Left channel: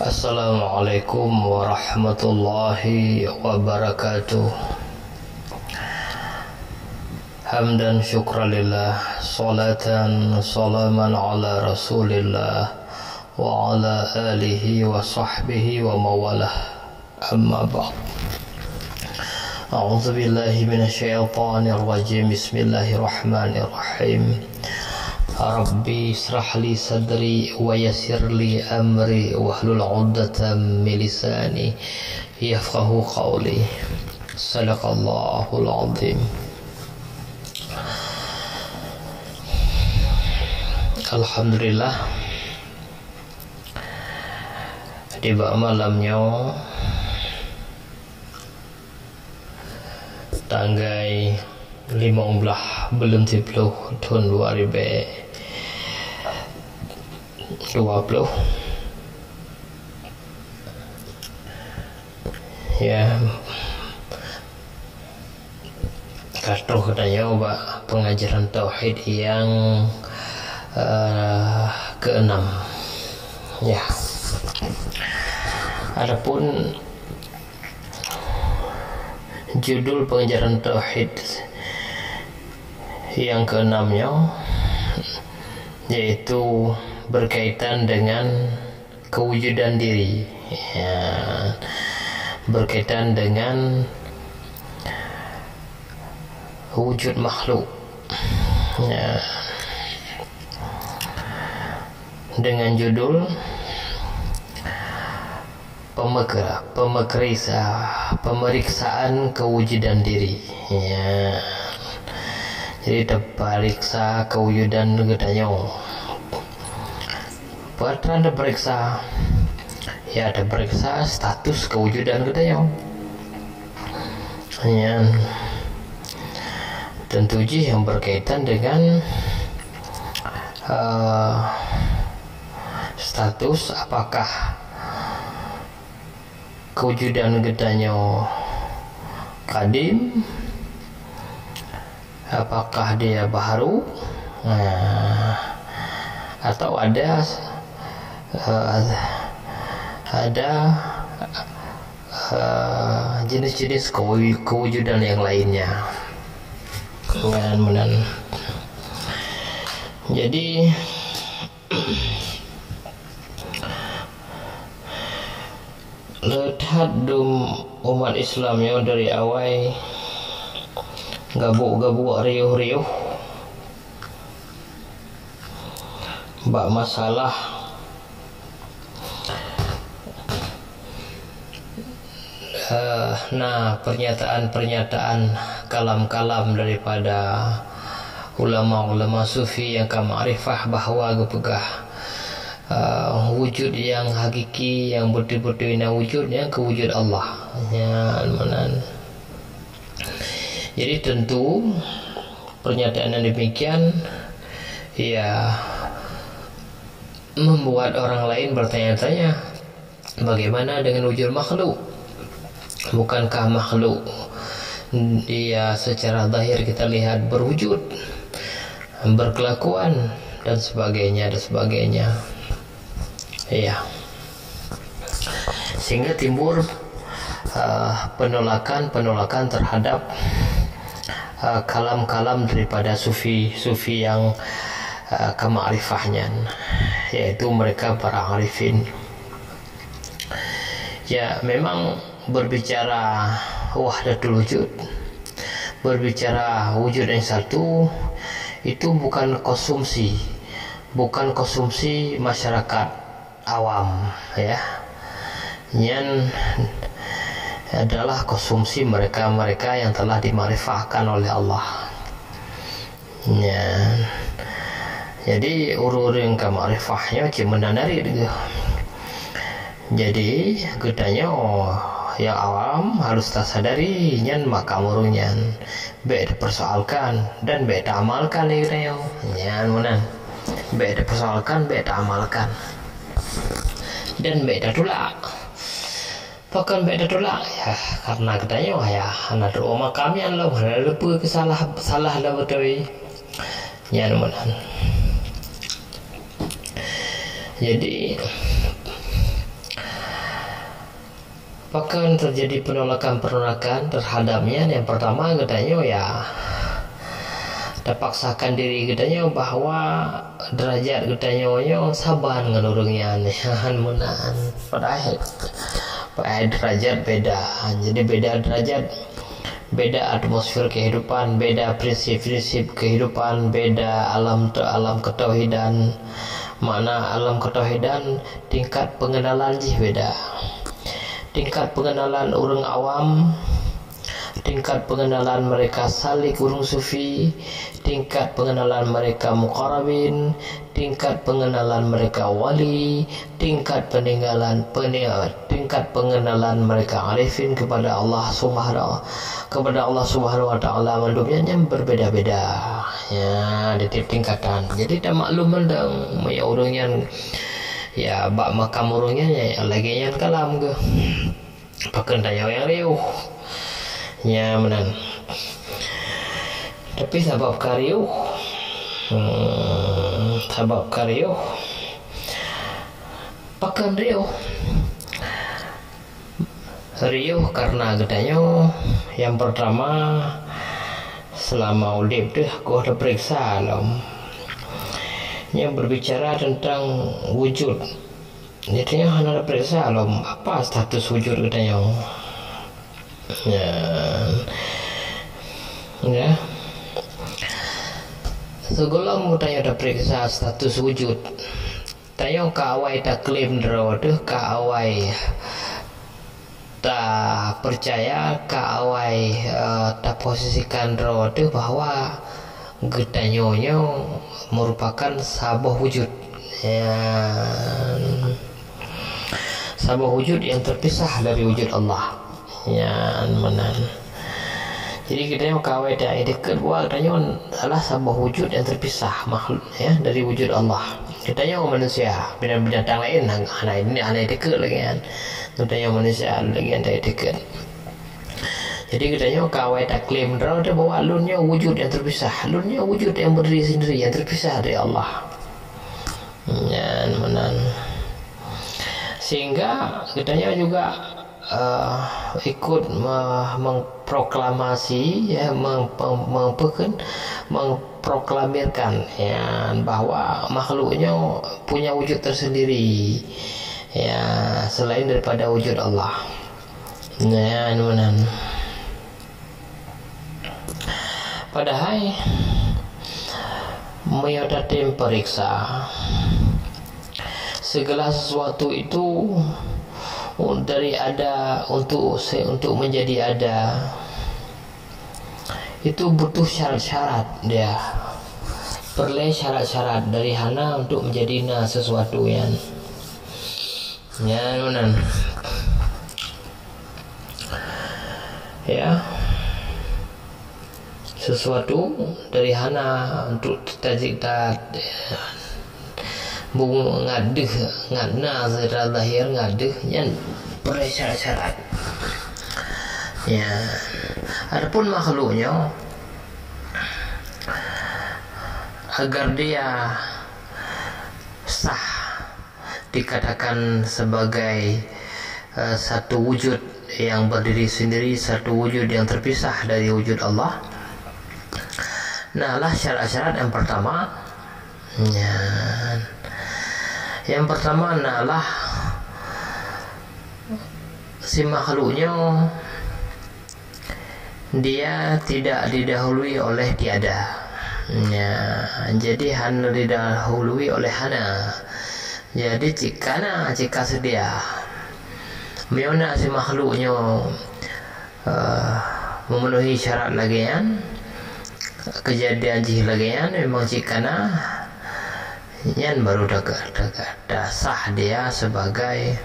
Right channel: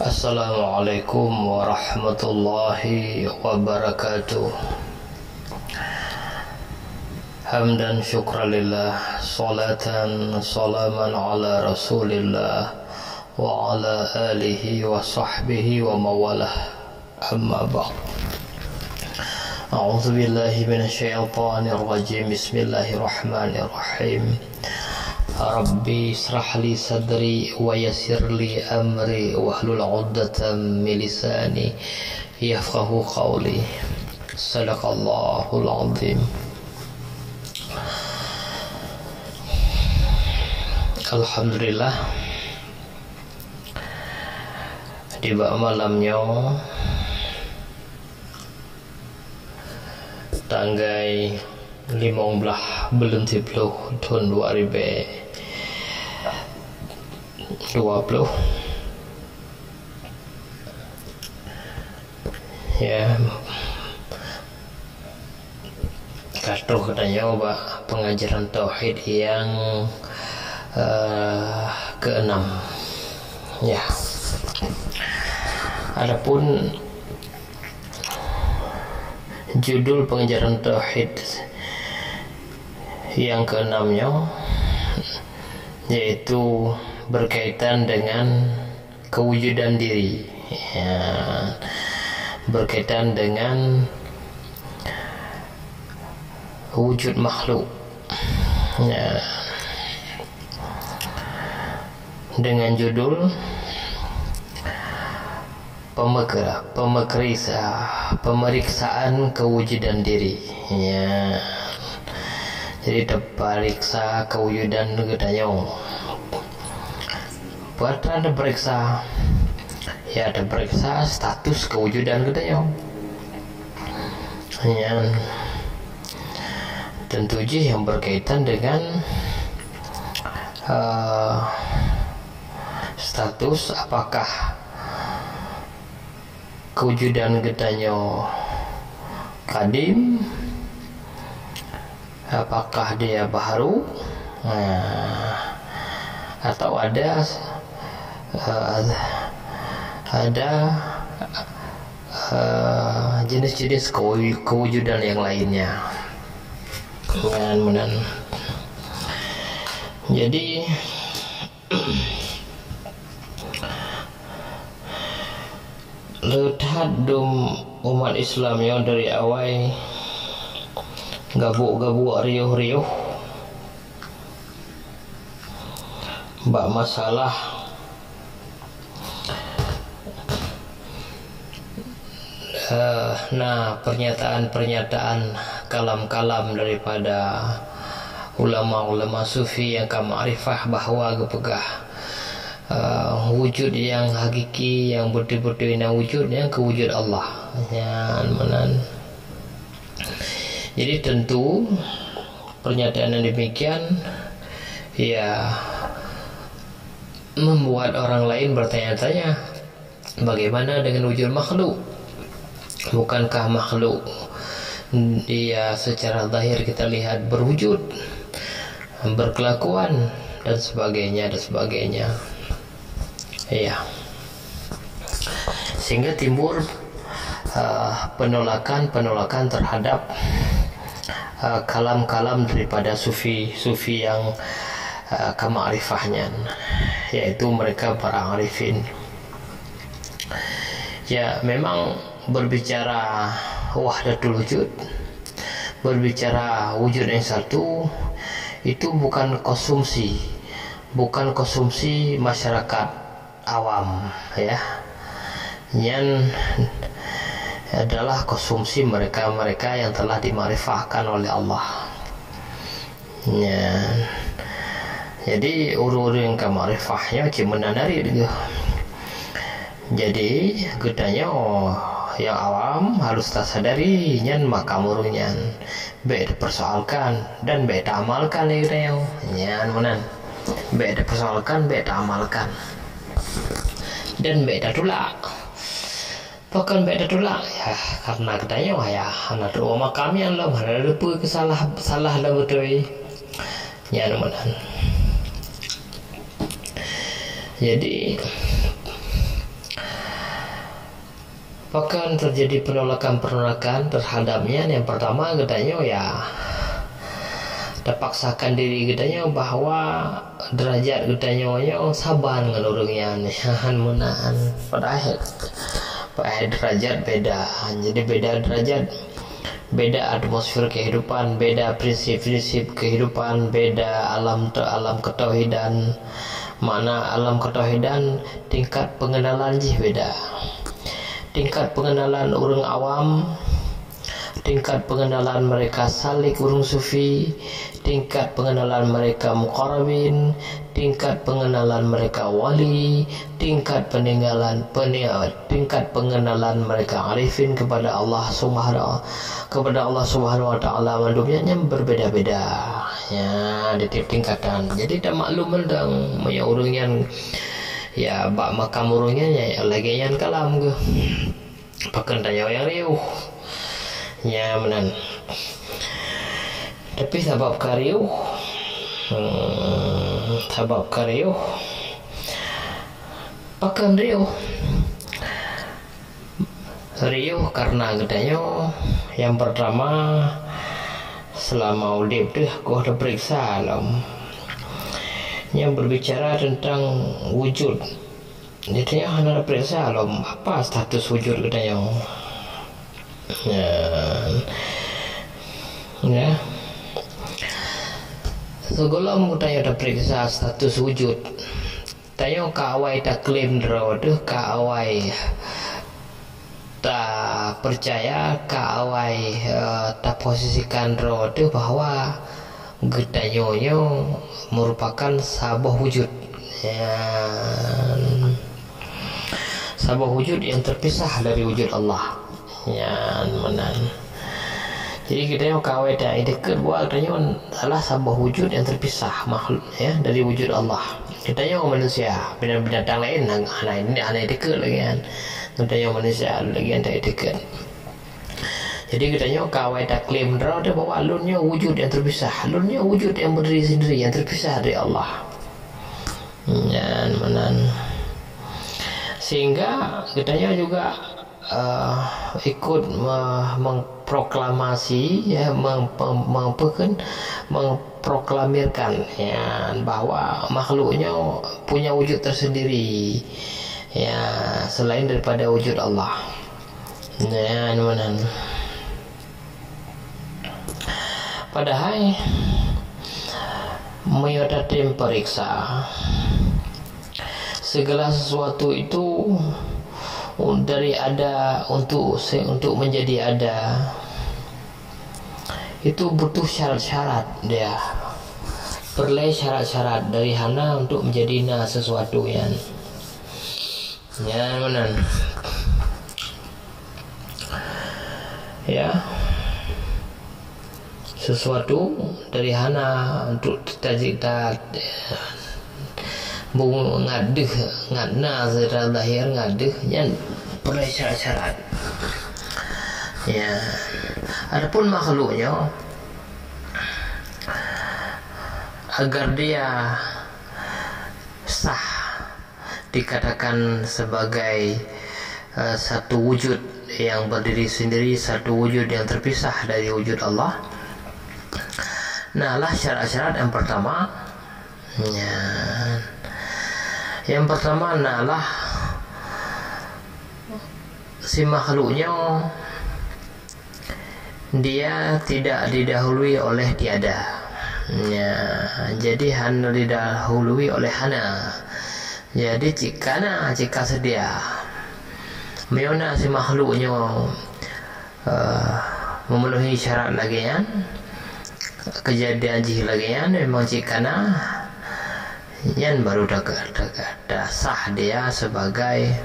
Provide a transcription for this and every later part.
Assalamualaikum warahmatullahi wabarakatuh. Hamdan syukralillah, salatan salaman ala rasulillah wa ala alihi wa sahbihi wa mawalah. Amma ba'd. A'udzu billahi minasyaitonir rajim. Bismillahirrahmanirrahim. Rabbi israh li sadri wa yassir li amri wahlul 'uqdatam min lisani yafqahu qawli. Sadaqallahul 'azim. Alhamdulillah, tiba malamnya tanggal 15 bulan 10 tahun 2020 ya, katuh katanya pengajaran tauhid yang keenam ya. Adapun judul pengajaran tauhid yang keenamnya yaitu berkaitan dengan kewujudan diri ya, berkaitan dengan wujud makhluk ya, dengan judul pemeriksaan kewujudan diri ya. Jadi terperiksa kewujudan gedanya. Buat ada periksa ya, ada periksa status kewujudan gedanya ya. Tentu saja yang berkaitan dengan status apakah kewujudan gedanya kadim, apakah dia baru, atau ada jenis-jenis kewujudan yang lainnya. Jadi lihat umat Islamnya dari awal gabuk-gabuk riuh-riuh bak masalah pernyataan kalam-kalam daripada ulama-ulama sufi yang ma'rifah bahwa gepegah wujud yang hakiki, yang betul-betul wujud yang kewujud Allah ya. Jadi tentu pernyataan yang demikian ya membuat orang lain bertanya-tanya, bagaimana dengan wujud makhluk? Bukankah makhluk dia secara zahir kita lihat berwujud, berkelakuan dan sebagainya ya. Sehingga timbul penolakan terhadap kalam-kalam daripada sufi yang kema'rifahnya, yaitu mereka para arifin ya. Memang berbicara wahdatul wujud, berbicara wujud yang satu, itu bukan konsumsi masyarakat awam ya, yang adalah konsumsi mereka yang telah dimarifahkan oleh Allah ya. Jadi urung kemarifahnya cuma menandari gitu. Jadi gedanya yang awam harus tak sadari nyan makam urungnya beda persoalkan dan beda amalkan ya gedanya nyan beda persoalkan, beda amalkan dan beda tulak. Bahkan beda tulak ya, karena gedanya ya anak doa makamnya lo mana ada salah lah betul nyan Jadi Bahkan terjadi penolakan terhadapnya. Yang pertama katanya ya terpaksakan diri katanya bahwa derajat katanya saban dengan orangnya menan padahal derajat beda. Jadi beda derajat, beda atmosfer kehidupan, beda prinsip-prinsip kehidupan, beda alam ketauhidan. Mana alam ketauhidan tingkat pengenalan beda. Tingkat pengenalan orang awam, tingkat pengenalan mereka salik urung sufi, tingkat pengenalan mereka muqarrabin, tingkat pengenalan mereka wali, tingkat pengenalan mereka arifin kepada Allah Subhanahu wa taala mandumnya berbeda-beda ya di tiap tingkatan. Jadi tak maklum mendang punya orangnya ya bak makam orangnya ya lagi yang kalam ke pakai tanya yang riuh ya menan. Tapi sabab kariuh pakan riuh karena gedanya yang pertama selama udip tuh aku ada periksa alam yang berbicara tentang wujud. Jadi ada periksa alam apa status wujud gedanya ya segolam tanya ada periksa status wujud tanya kawai tak klaim dro tuh kawai tak percaya kawai tak posisikan dro tuh bahwa gedanya merupakan sabah wujud ya sabah wujud yang terpisah dari wujud Allah ya menan. Jadi kita yang kawai tak dekat buat katanya salah sabah wujud yang terpisah makhluk ya dari wujud Allah. Katanya manusia, binatang lain anak dekat lagi kan. Katanya manusia lagi yang tak dekat. Jadi katanya kawai tak klaim draw dia bahwa alunnya wujud yang terpisah, alunnya wujud yang berdiri sendiri yang terpisah dari Allah. Ya menan. Sehingga katanya juga ikut mengproklamasi ya memproklamirkan ya bahwa makhluknya punya wujud tersendiri ya selain daripada wujud Allah ya menan. Padahal meyodatim periksa segala sesuatu itu dari ada untuk menjadi ada itu butuh syarat-syarat dia perlu syarat-syarat dari hana untuk menjadi sesuatu yang ya benar ya sesuatu dari hana untuk kita ngadeh secara lahir ngadeh yang perlu syarat-syarat ya. Adapun makhluknya agar dia sah dikatakan sebagai satu wujud yang berdiri sendiri, satu wujud yang terpisah dari wujud Allah. Nah lah syarat-syarat yang pertama ya. Yang pertama adalah si makhluknya dia tidak didahului oleh tiada ya. Jadi hana didahului oleh hana. Jadi jika sedia meona si makhluknya memenuhi syarat lagian kejadian jih lagian memang cikana yang baru dah sah dia sebagai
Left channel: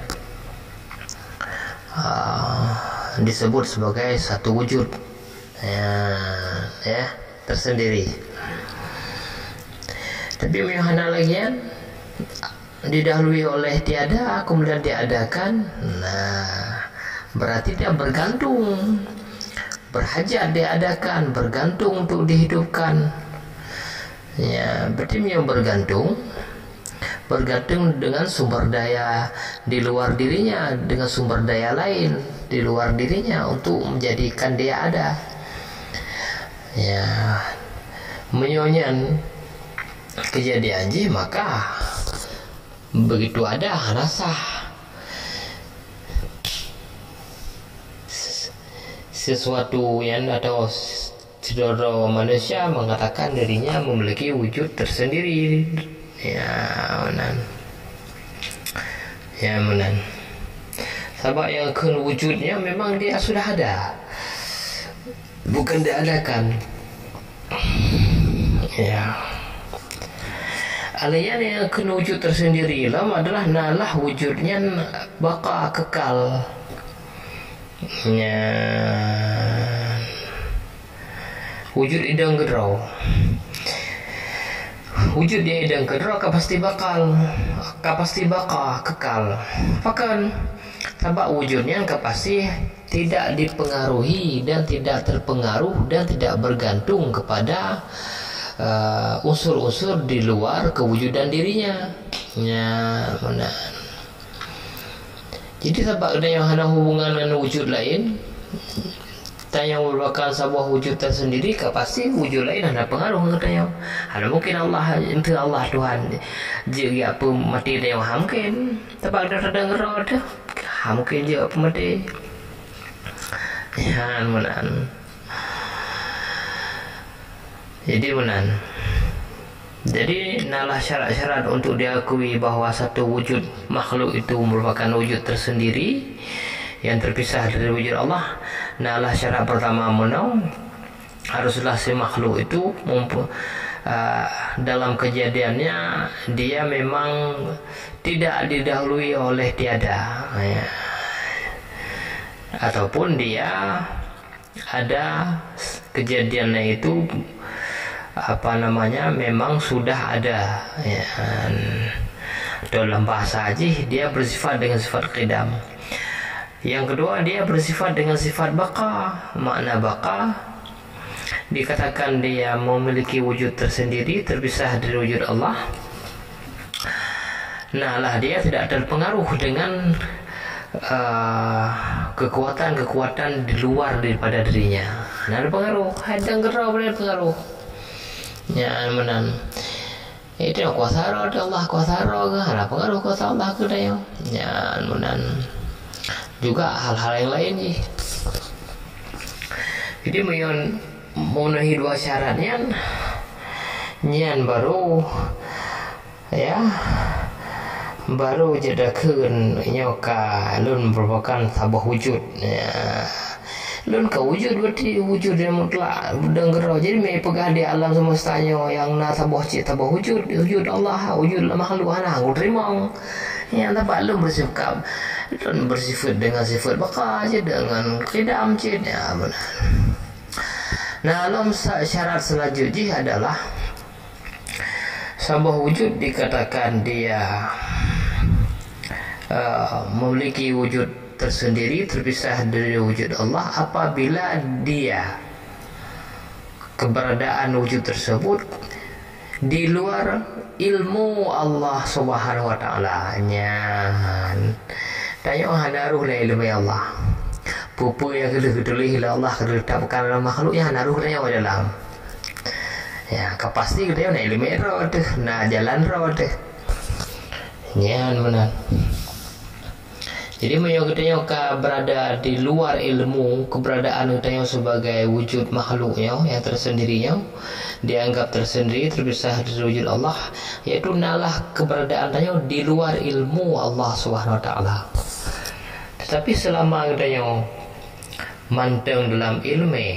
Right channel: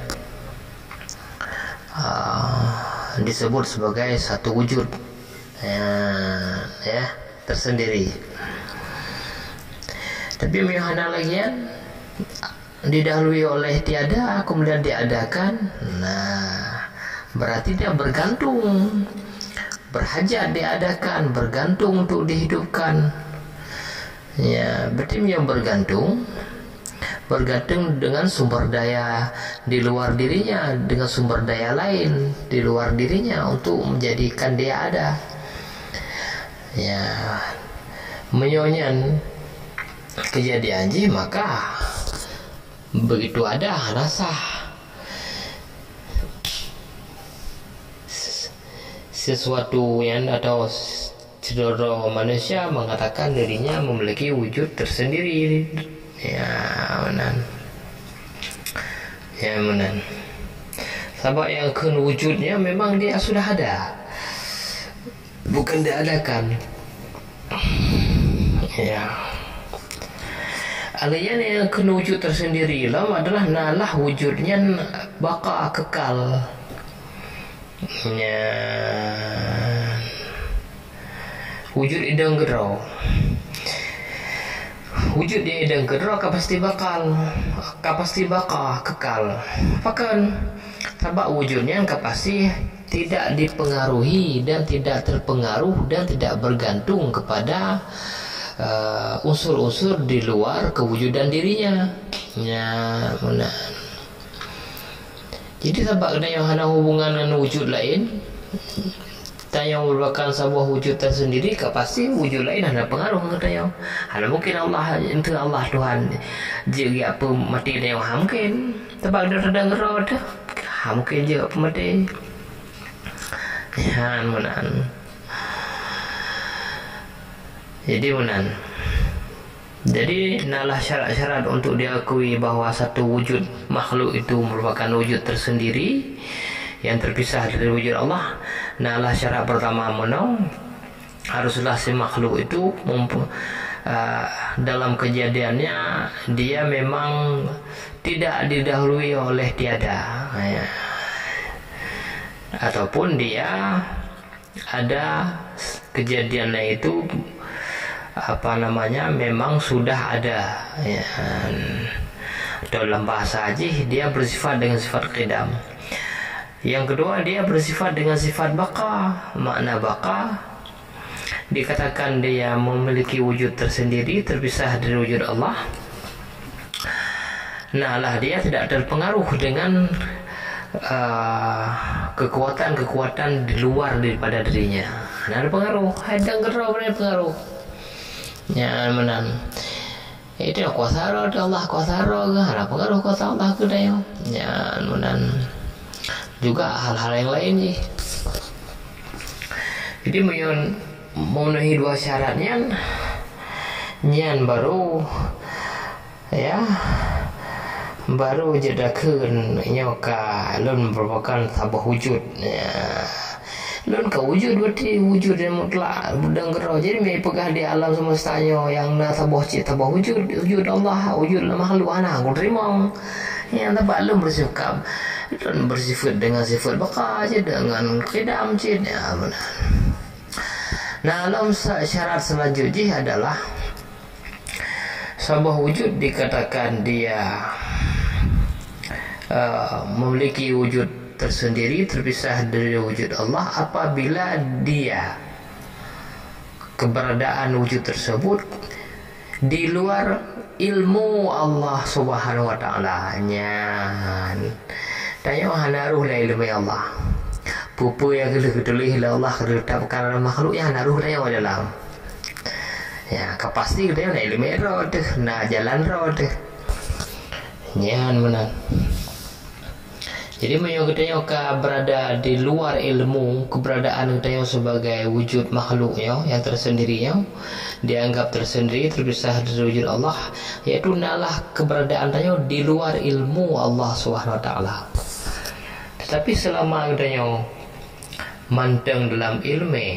disebut sebagai satu wujud ya tersendiri. Tapi mihana lagian didahului oleh tiada kemudian diadakan, nah berarti dia bergantung, berhajat diadakan, bergantung untuk dihidupkan. Ya, berarti dia bergantung, bergantung dengan sumber daya di luar dirinya, dengan sumber daya lain di luar dirinya untuk menjadikan dia ada. Ya, menyonyan kejadian ji, maka begitu ada rasa sesuatu yang atau saudara manusia mengatakan dirinya memiliki wujud tersendiri. Ya menan sebab yang wujudnya memang dia sudah ada, bukan diadakan. Ya, alian yang wujud tersendiri lam adalah nalah wujudnya baka kekal. Ya, wujud idang gerau, wujud dia idang gerau pasti bakal kekal. Bahkan sebab wujudnya pasti tidak dipengaruhi dan tidak terpengaruh dan tidak bergantung kepada unsur-unsur di luar kewujudan dirinya. Ya, benar. Jadi sebab ada yang hana hubungan dengan wujud lain, yang merupakan sebuah wujud tersendiri, pasti wujud lain ada pengaruh katanya. Ada mungkin Allah itu Allah Tuhan juga apa mati dia mungkin sebab dia sedang gerot mungkin juga apa mati. Ya menan. Jadi nalah syarat-syarat untuk diakui bahwa satu wujud makhluk itu merupakan wujud tersendiri yang terpisah dari wujud Allah. Nalah syarat pertama haruslah si makhluk itu dalam kejadiannya dia memang tidak didahului oleh tiada, ya. Ataupun dia ada kejadiannya itu memang sudah ada, ya. Dalam bahasa haji dia bersifat dengan sifat qidam. Yang kedua, dia bersifat dengan sifat baqa. Makna baqa dikatakan dia memiliki wujud tersendiri terpisah dari wujud Allah. Dia tidak terpengaruh dengan kekuatan-kekuatan di luar daripada dirinya. Ada pengaruh, hadang gerau pengaruh. Ya menan. Itu kuasa Allah kuasa ada pengaruh kuasa Allah ke dia. Ya menan. Juga hal-hal yang lain sih. Jadi memenuhi dua syaratnya nyan baru jadakeun nyoka lun merupakan sebuah wujud, ya. Lun ka wujud berarti wujud yang mutlak budang gerau. Jadi me pegah di alam semestanya yang tabah wujud Allah, wujud makhluk ana terima yang tabah lun bersifat dengan sifat baqa dengan qidam ya benar. Dalam syarat selanjutnya adalah sebuah wujud dikatakan dia memiliki wujud tersendiri terpisah dari wujud Allah apabila dia keberadaan wujud tersebut di luar ilmu Allah Subhanahu wa taala. Tanya hanaruh la ilmu Allah. Pupu yang kedulih la Allah kedetapkan dalam makhluk yang hanaruh tanya dalam. Ya, kapasti dia na ilmu roh na jalan roh nyan benar. Jadi katanya berada di luar ilmu keberadaan katanya sebagai wujud makhluknya yang tersendirinya dianggap tersendiri terpisah dari wujud Allah, yaitu nalah keberadaan tanya di luar ilmu Allah Subhanahu wa taala. Tetapi selama katanya manteng dalam ilmu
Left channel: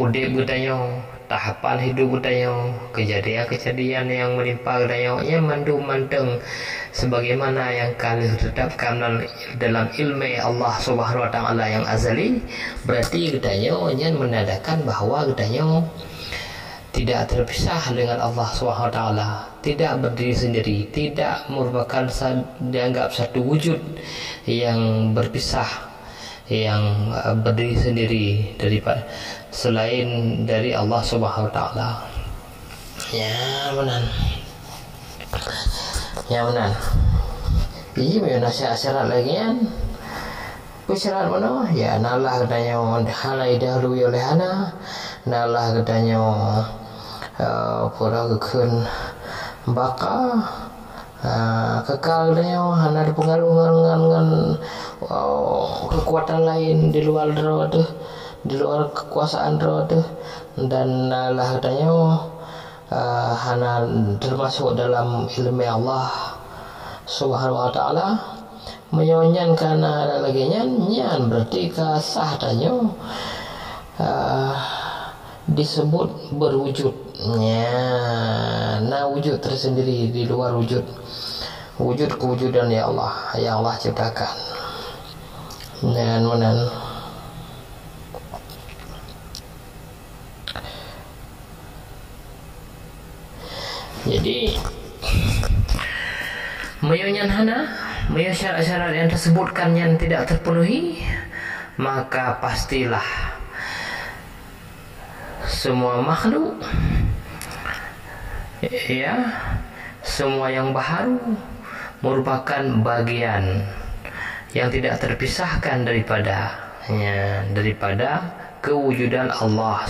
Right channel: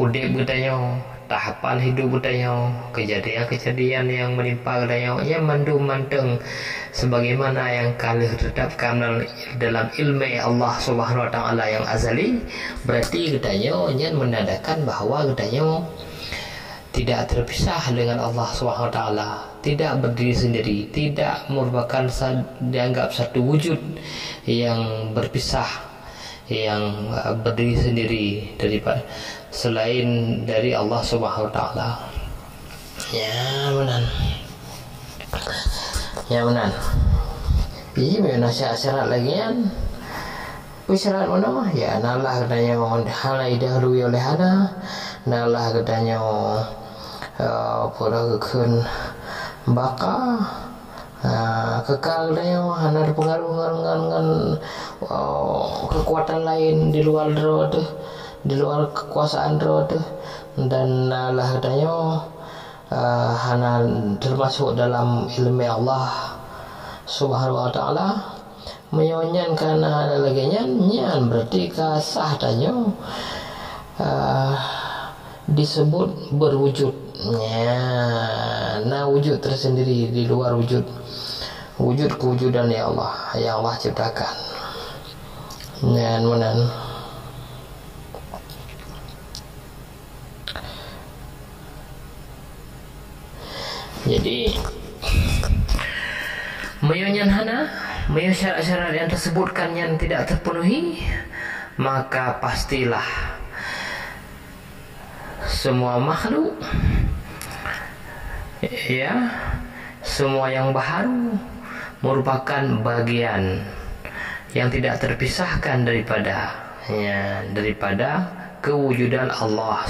udip katanya tahapan hidup katanya kejadian-kejadian yang menimpa katanya manteng sebagaimana yang kalian tetapkan dalam ilmu Allah Subhanahu wa taala yang azali, berarti katanya menandakan bahwa katanya tidak terpisah dengan Allah Subhanahu wa taala, tidak berdiri sendiri, tidak merupakan dianggap satu wujud yang berpisah, yang berdiri sendiri daripada selain dari Allah Subhanahu wa taala. Ya benar. Ya benar. Iji may nasihat syarat lagi kan. Syarat mana? Ya nalah katanya halai dahului oleh hana. Nalah katanya pura kekun baka kekal katanya hana berpengaruh dengan kekuatan lain di luar roh tu, di luar kekuasaan roh tu. Dan nalah katanya hana termasuk dalam ilmu Allah Subhanahu wa ta'ala. Menyonyan karena lagi nyan berarti kasah tanya disebut berwujud. Nah wujud tersendiri di luar wujud kewujudan ya Allah yang Allah ciptakan. Dan menan jadi menyonyan hana, menyonyan syarat-syarat yang tersebutkan yang tidak terpenuhi, maka pastilah semua makhluk, ya, semua yang baharu merupakan bagian yang tidak terpisahkan daripada kewujudan Allah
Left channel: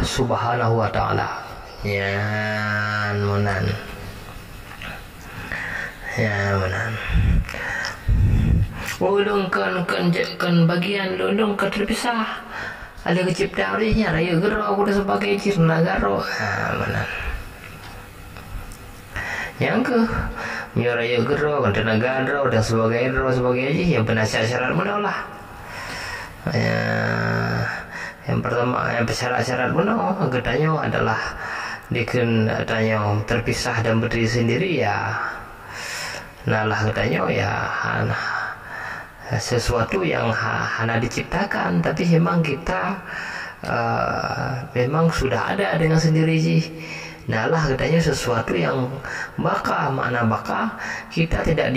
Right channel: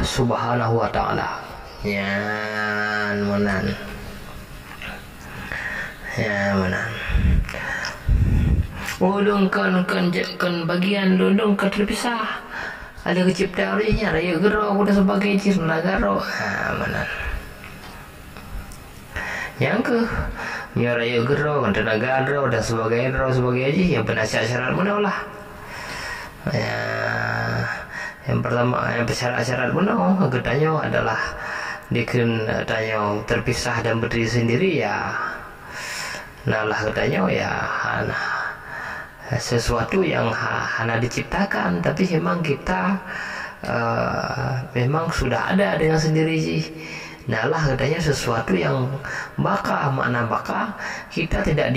Subhanahu wa ta'ala. Ya menan. Ulung kan bagian lundung kan terpisah. Ada kecipta orinya raya gero udah sebagai jir nagaro. Mana? Yang ke raya gero kan tenaga gero dan sebagai aji yang penasihat syarat mana lah. Yang pertama yang syarat mana gedanya adalah tanya terpisah dan berdiri sendiri ya. Nalah katanya ya sesuatu yang hana diciptakan, tapi memang kita memang sudah ada dengan sendiri sih. Nalah katanya sesuatu yang makna baka kita tidak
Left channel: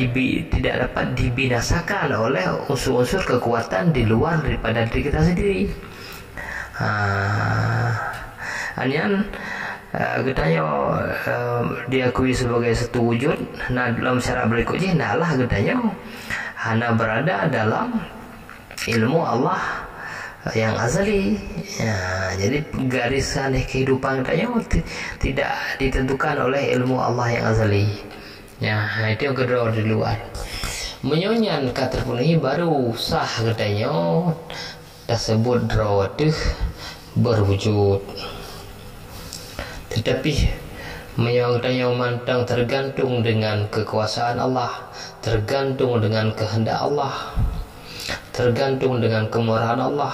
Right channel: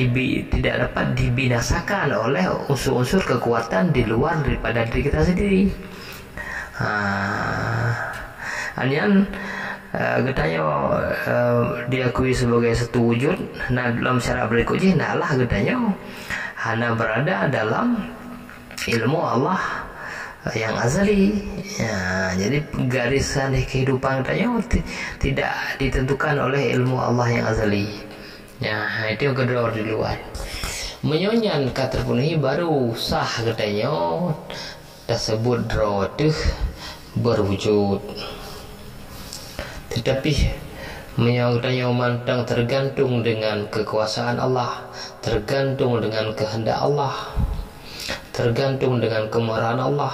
dapat dibinasakan oleh unsur-unsur kekuatan di luar daripada diri kita sendiri. Anyan katanya diakui sebagai satu wujud. Nah dalam syarat berikutnya nalah katanya hana berada dalam ilmu Allah yang azali. Jadi garisan kehidupan katanya tidak ditentukan oleh ilmu Allah yang azali. Itu yang kedua di luar. Menyonyan terpenuhi baru sah katanya tersebut roh berwujud. Tetapi menyangkanya mantang tergantung dengan kekuasaan Allah, tergantung dengan kehendak Allah, tergantung dengan kemurahan Allah.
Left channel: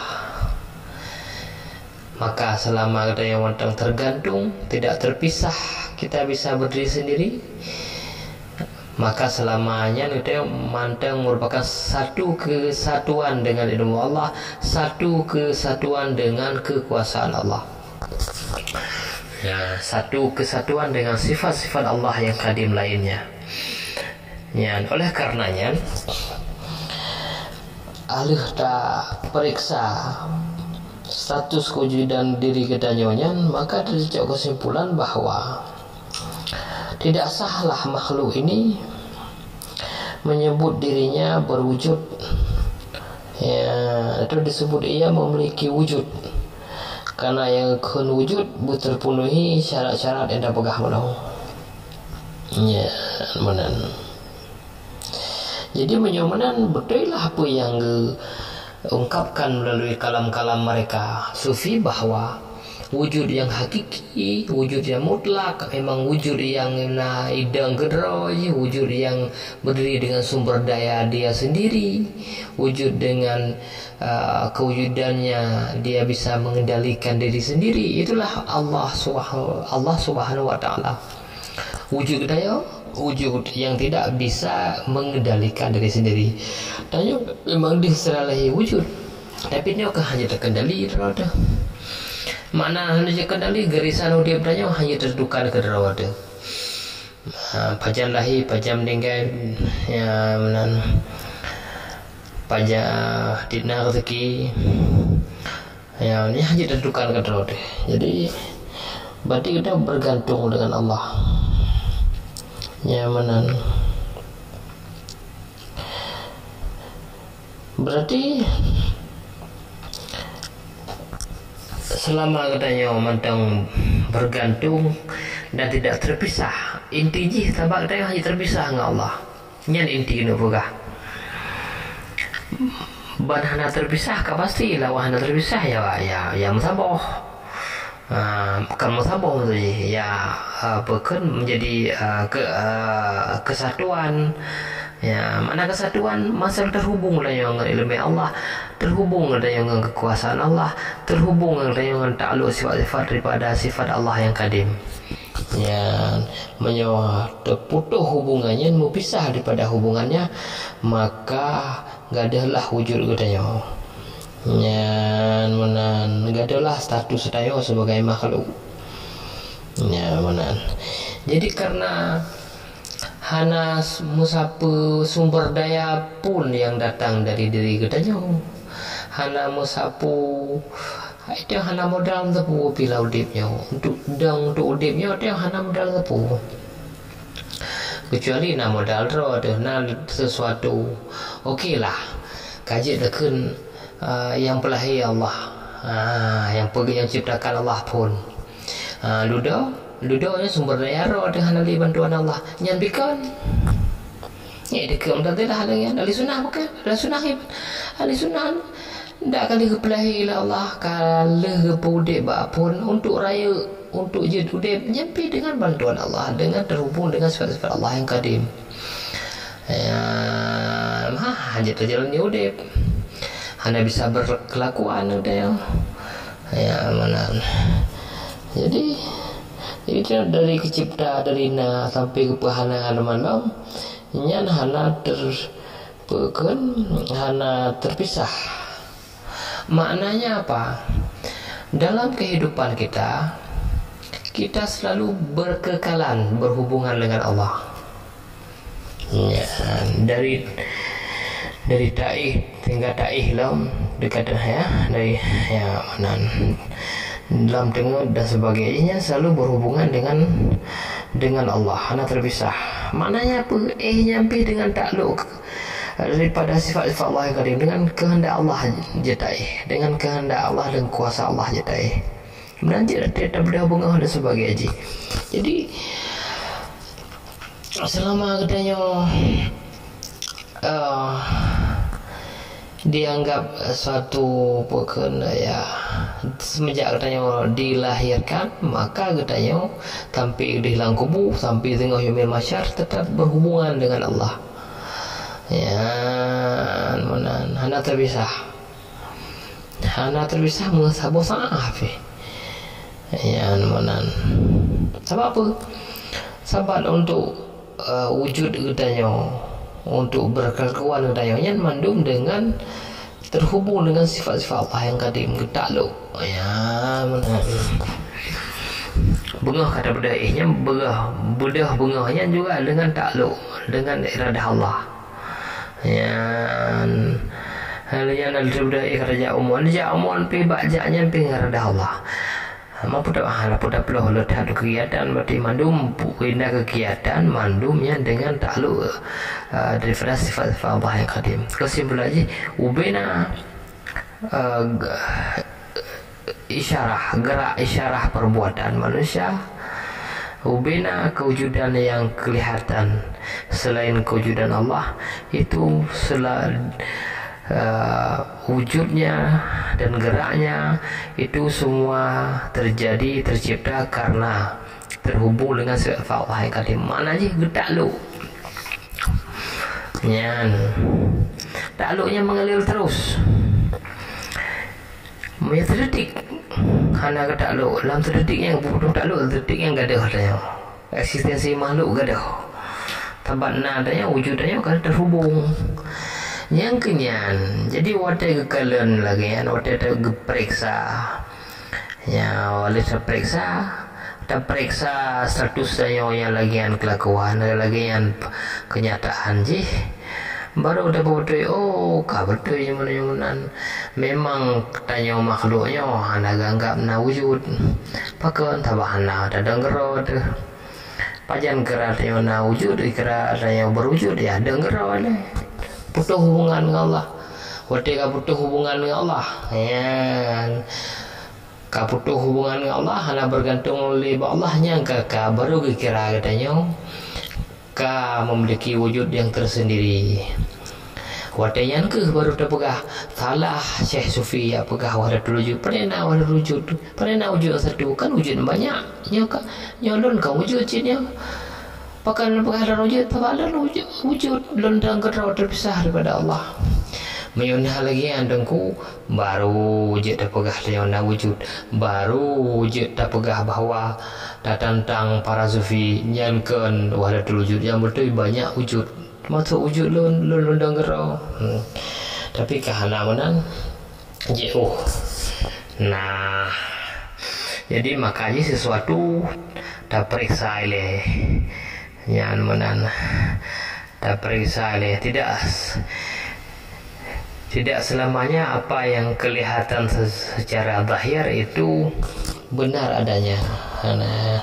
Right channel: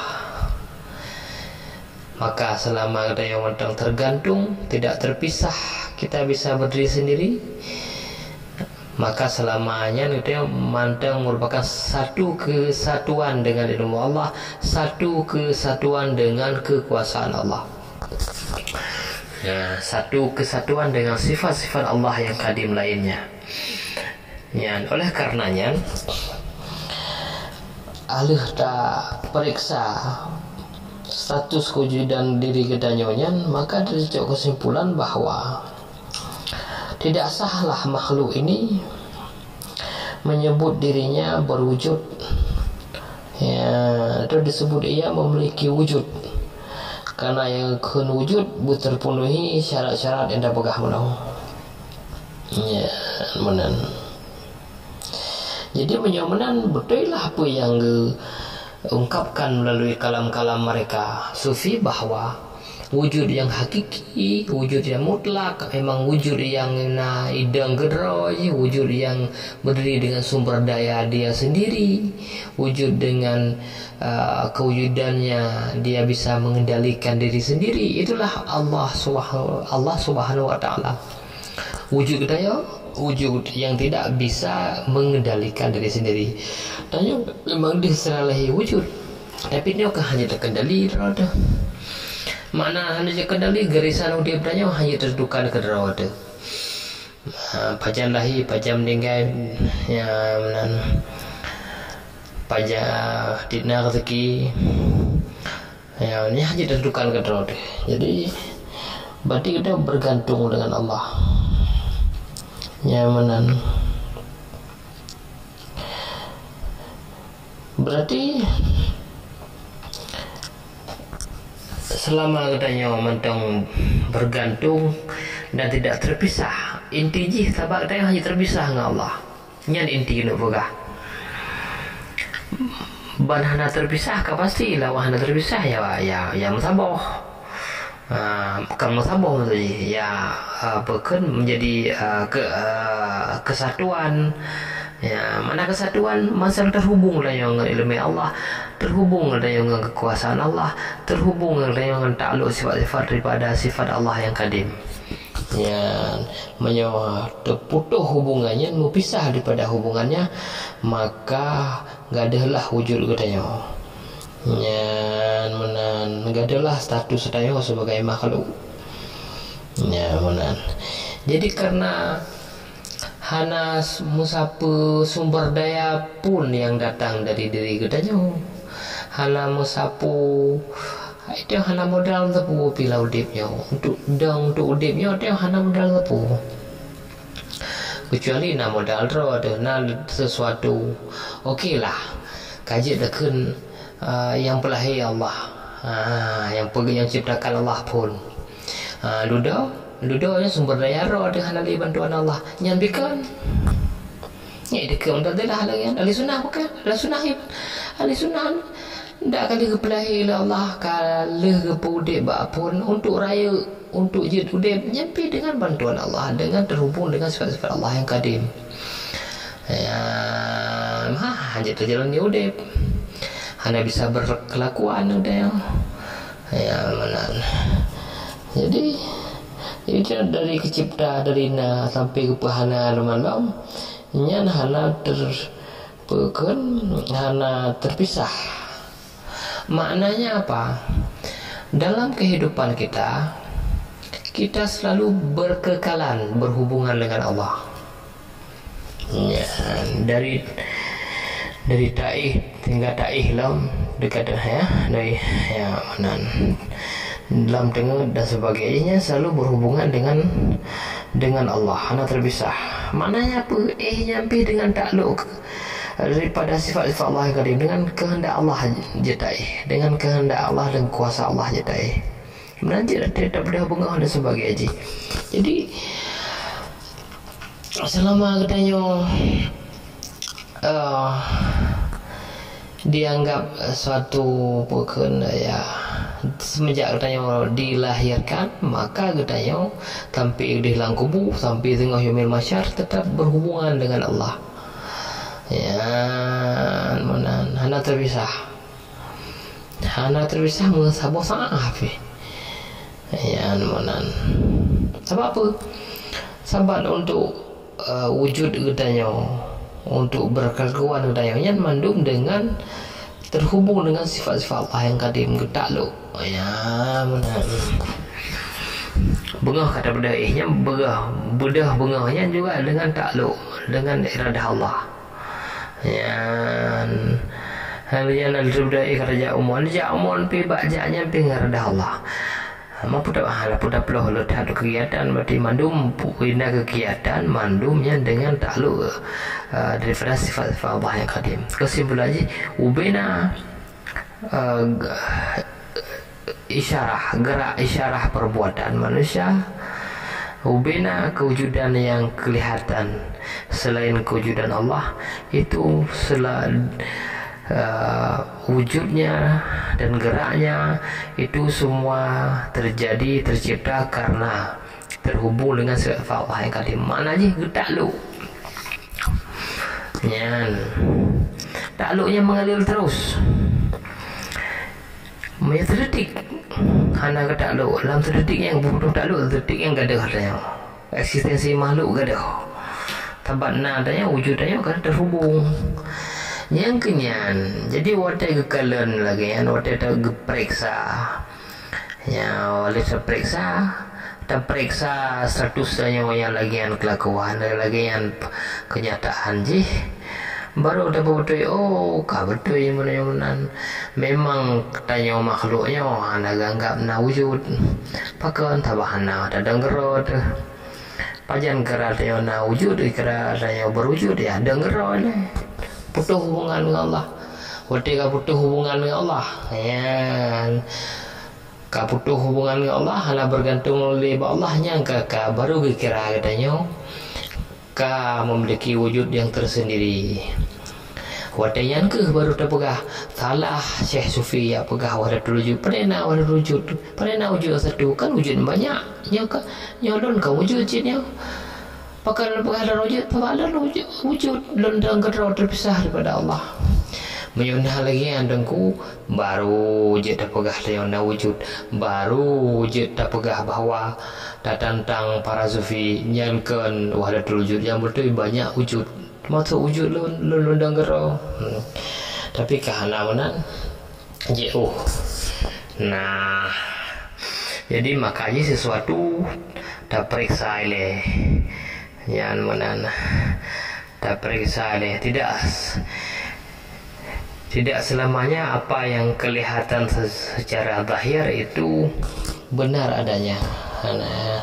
Maka selama yang mantang tergantung, tidak terpisah, kita bisa berdiri sendiri. Maka selamanya kita mantang merupakan satu kesatuan dengan ilmu Allah, satu kesatuan dengan kekuasaan Allah. Satu kesatuan dengan sifat-sifat Allah yang kadim lainnya. Oleh karenanya alih tak periksa status kewujudan diri kedanyonya, maka dicocok kesimpulan bahwa tidak sahlah makhluk ini menyebut dirinya berwujud. Itu disebut ia memiliki wujud. Karena yang kun wujud terpenuhi syarat-syarat yang dapat menau. Menan. Jadi menyomenan betul lah apa yang ungkapkan melalui kalam-kalam mereka Sufi, bahwa wujud yang hakiki, wujud yang mutlak, memang wujud yang idang gedro, wujud yang berdiri dengan sumber daya dia sendiri, wujud dengan kewujudannya dia bisa mengendalikan diri sendiri. Itulah Allah Subhanahu wa ta'ala. Wujud daya, wujud yang tidak bisa mengendalikan diri sendiri. Tanya memang diserahi wujud, tapi dia hanya terkendali roda. Makna hanya terkendali garisan dia bertanya hanya terdukan ke roda. Pajan lahi, pajan meninggal, menan pajak dina rezeki, ini hanya terdukan ke roda. Jadi berarti kita bergantung dengan Allah. Ya menan. Berarti selama katanya mentang bergantung dan tidak terpisah, inti jih tabak katanya hanya terpisah dengan Allah. Nyan inti kena pegah. Ban hana terpisah ka pasti lah hana terpisah ya musabah. Bukan musabah tu je. Ya bukan menjadi kesatuan. Ya, mana kesatuan masa terhubung dengan ilmu Allah, terhubung dengan kekuasaan Allah, terhubung dengan takluk sifat-sifat daripada sifat Allah yang kadim. Ya, menyawa terputus hubungannya, berpisah daripada hubungannya, maka gadalah wujud katanya. Ya, menan gadalah status katanya sebagai makhluk. Ya, menan. Jadi karena hana musapa sumber daya pun yang datang dari diri katanya, hana musapu itu hana modal tepu pila udipnya untuk udipnya itu hana modal tepu, kecuali na modal ro ada na sesuatu okey lah kaji dekun yang pelahir Allah, yang ciptakan Allah pun Ludo nya sumber daya roh dengan ahli bantuan Allah nyambikan ya dekat dan tidak dengan ahli sunnah pakai ahli sunnah ndak kali kepelahi Allah kali kepudek pun untuk raya untuk jid udep nyampi dengan bantuan Allah, dengan terhubung dengan sifat-sifat Allah yang kadim. Ya hanya terjalan di udep hanya bisa berkelakuan udah ya mana. Jadi itu dari kecipta dari na sampai ke pahangan malam nyan hana terpisah. Maknanya apa? Dalam kehidupan kita selalu berkekalan berhubungan dengan Allah. Ya, dari taih hingga taih lam dekat ya dari ya manan dalam tengah dan sebagainya selalu berhubungan dengan Allah, hana terpisah. Maknanya apa? Nyampi dengan takluk daripada sifat-sifat Allah yang kadim, dengan kehendak Allah jetai, dengan kehendak Allah dan kuasa Allah jetai. Menanti tidak berhubungan dan sebagainya. Jadi selama katanya dianggap suatu bukan ya semenjak katanya dilahirkan, maka katanya sampai dihilang kubu sampai tengah yaumil masyar tetap berhubungan dengan Allah. Ya mana hana terpisah mengesabo saaf. Ya mana sebab apa? Sebab untuk wujud katanya untuk berkelakuan katanya mandum dengan terhubung dengan sifat-sifat Allah yang kadim takluk. Ya mana bengah kata bedaihnya bedah bengahnya juga dengan takluk dengan iradah Allah. Ya halnya nak bedaih kata ja'umon pi bakjaknya pi iradah Allah. Mampu tak peloh letak kegiatan berarti mandum pindah kegiatan mandumnya dengan takluk daripada sifat-sifat Allah yang kadim. Kesimpulannya ubena gerak isyarah perbuatan manusia, ubena kewujudan yang kelihatan selain kewujudan Allah itu wujudnya dan geraknya itu semua tercipta karena terhubung dengan sifat Allah yang kadim. Maknanya takluk nyan takluknya mengalir terus terdetik hana ke takluk dalam terdetik yang butuh takluk terdetik yang gadah katanya eksistensi makhluk gadah tabatna adanya wujudnya kan terhubung yang kenyan. Jadi watai kekalan lagi kan watai terperiksa ya wale terperiksa statusnya yang lagian kelakuan lagian kenyataan je baru dapat betul. Oh kah betul yang menan memang tanya makhluknya hana ganggap na wujud pakan tabahana ada dengerod pajan keratnya na wujud keratnya berwujud ya dengerod putus hubungan dengan Allah. Ketika putus hubungan dengan Allah ya ka putus hubungan dengan Allah hana bergantung oleh Allahnya ka baru kira katanya ka memiliki wujud yang tersendiri. Wadayan ke baru terpegah salah Syekh Sufi ya pegah wadatul wujud pernah wadatul wujud pernah wujud satu kan wujud banyak nyoka nyolon ka wujud jinnya pakan pegah ada wujud apa ada wujud londang kerau terpisah daripada Allah. Mayunah lagi andengku baru wujud terpegah yana wujud baru wujud terpegah bahwa tentang para sufi nyankan wahdatul wujud yang betul banyak wujud masuk wujud londang gerau tapi kehanawanan jauh. Nah jadi makanya sesuatu tak periksa oleh yang menan tak periksa oleh tidak selamanya apa yang kelihatan secara zahir itu benar adanya. Nah,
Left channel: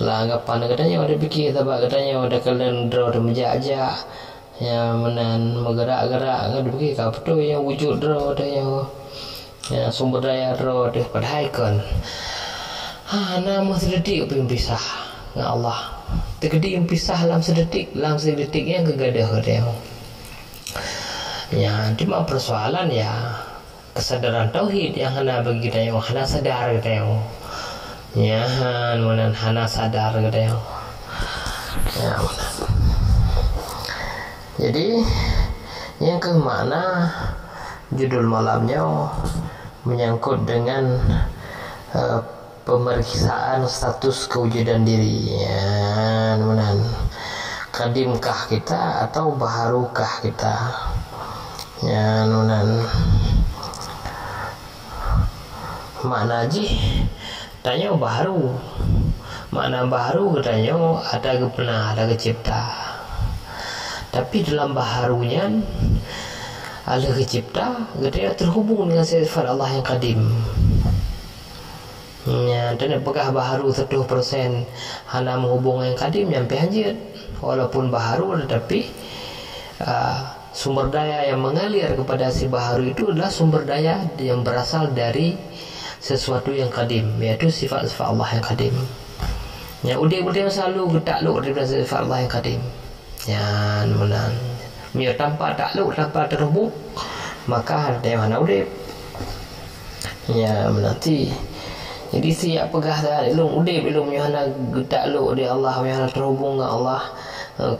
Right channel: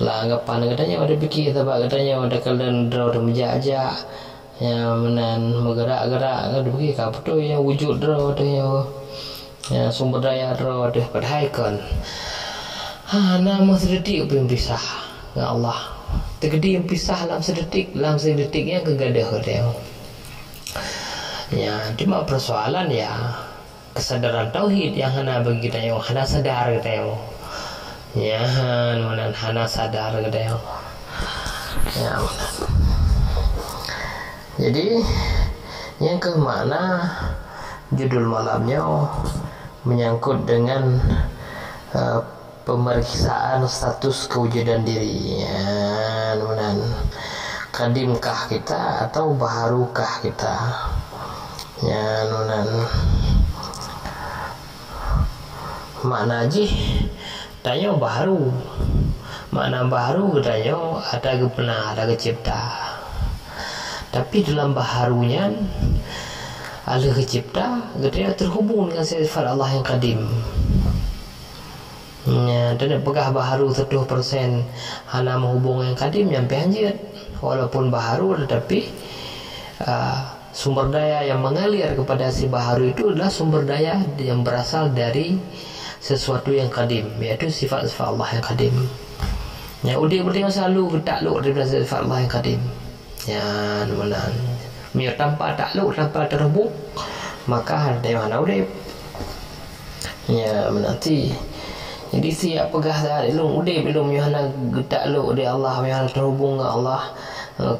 lah anggapan katanya ada fikir sebab katanya ada kalian draw ada menjajak ya menan bergerak-gerak ada fikir ka betul yang wujud draw ada yang sumber daya draw ada padahal kan nama sedetik pisah dengan Allah tergedi yang pisah dalam sedetik yang kegadah katanya ya cuma persoalan ya kesadaran tauhid yang hana bagi kita yang hana sadar katanya ya menan hana sadar katanya ya menan. Jadi yang ke mana judul malamnya menyangkut dengan pemeriksaan status kewujudan diri ya menan kadimkah kita atau baharukah kita ya menan makna ji tanya baharu makna baharu katanya ada pernah ada kecipta tapi dalam baharunya ada kecipta katanya terhubung dengan sifat Allah yang kadim ya dan pegah baharu 100% hana menghubung yang kadim nyampe hanjir walaupun baharu tetapi sumber daya yang mengalir kepada si baharu itu adalah sumber daya yang berasal dari sesuatu yang kadim yaitu sifat-sifat Allah yang kadim ya udah bertanya selalu takluk daripada sifat Allah yang kadim ya menan mio tanpa takluk tanpa terhubung maka ada yang hana udah ya menanti jadi siap pegah dah ilmu udah belum hana takluk di Allah hana terhubung dengan Allah